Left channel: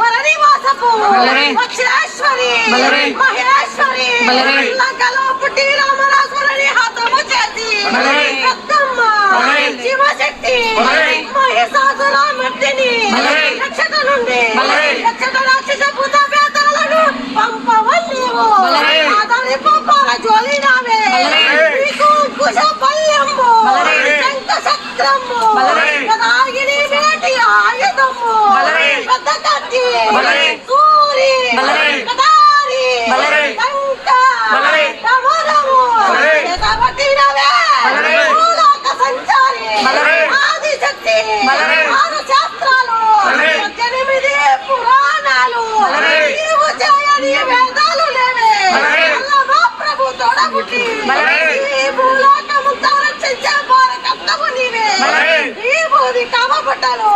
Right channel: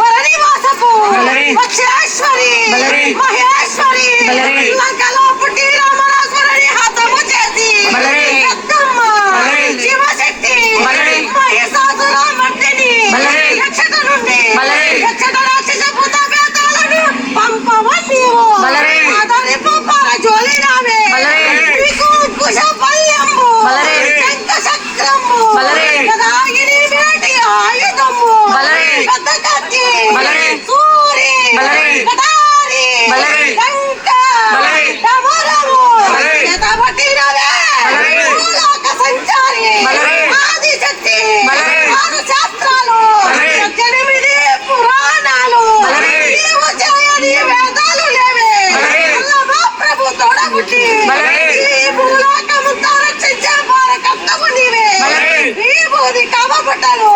వరనివాసపు వక్షేశ్వరి మహేశ్వరి లంకలో పుట్టి రామరాజుని హతము చేసి పెద్దమ్మ శివశక్తి మహిషాసురమర్దిని యక్షత నుండి యక్షత రాక్షస భూత ప్రేతాలను పంపవని ఆదరింపు పరజోలినావే నీకు కుశపల్యము శంఖ చక్రము గదాగిని వేటి ఆయుధము పెద్ద కత్తి సూరి కటారి లంక డమరము చేతబట్టినవే భూలోక సంచారి ఆదిశక్తి 6 శాస్త్రాలు 8 పురాణాలు నీవు చేయని వేదాలు లేవే అల్లమా ప్రభు తోడబుట్టి ఈ భూలోకముంతా రక్షించే భారకర్తవు నీవే ఈ భూది కామబట్టలు